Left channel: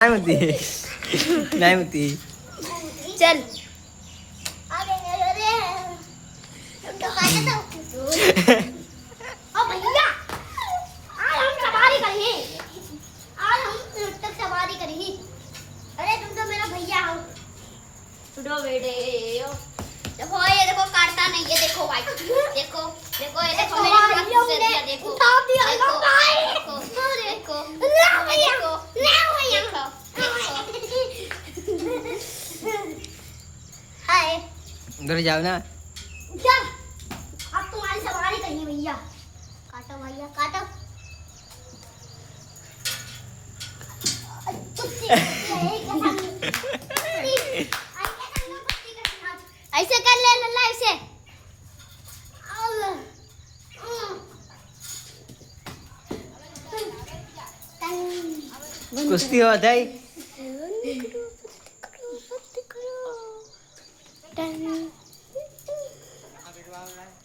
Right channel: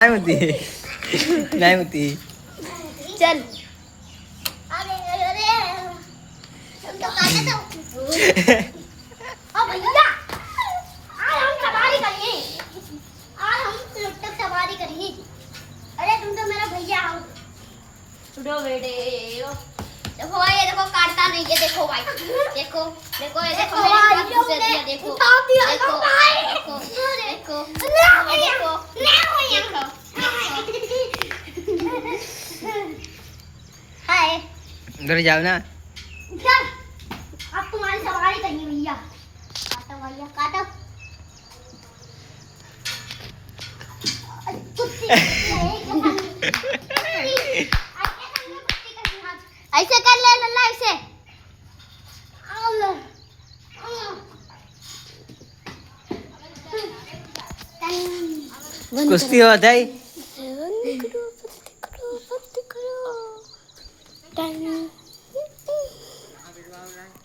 नहीं होती नहीं होती। चल अरे अरे तो काटे तो ओ भैया आज हम सवारी करेंगे। आज हम तक सवारी करेंगे। अरे तुम तो मेरा भैया हो। उठो बेटे देखो ये देखो काटता नहीं है। देखो भाई देखो देखो ये देखो मेरे देखो उठा दिया भाई देखो देखो ना भैया ना भैया हाय उधर जाओ ना। चल अब तुम्हारी सवारी करिए भैया। काटो भैया काटो। ऐसे कर ले लल्ला ऐसे। कुश्ती हो जाए।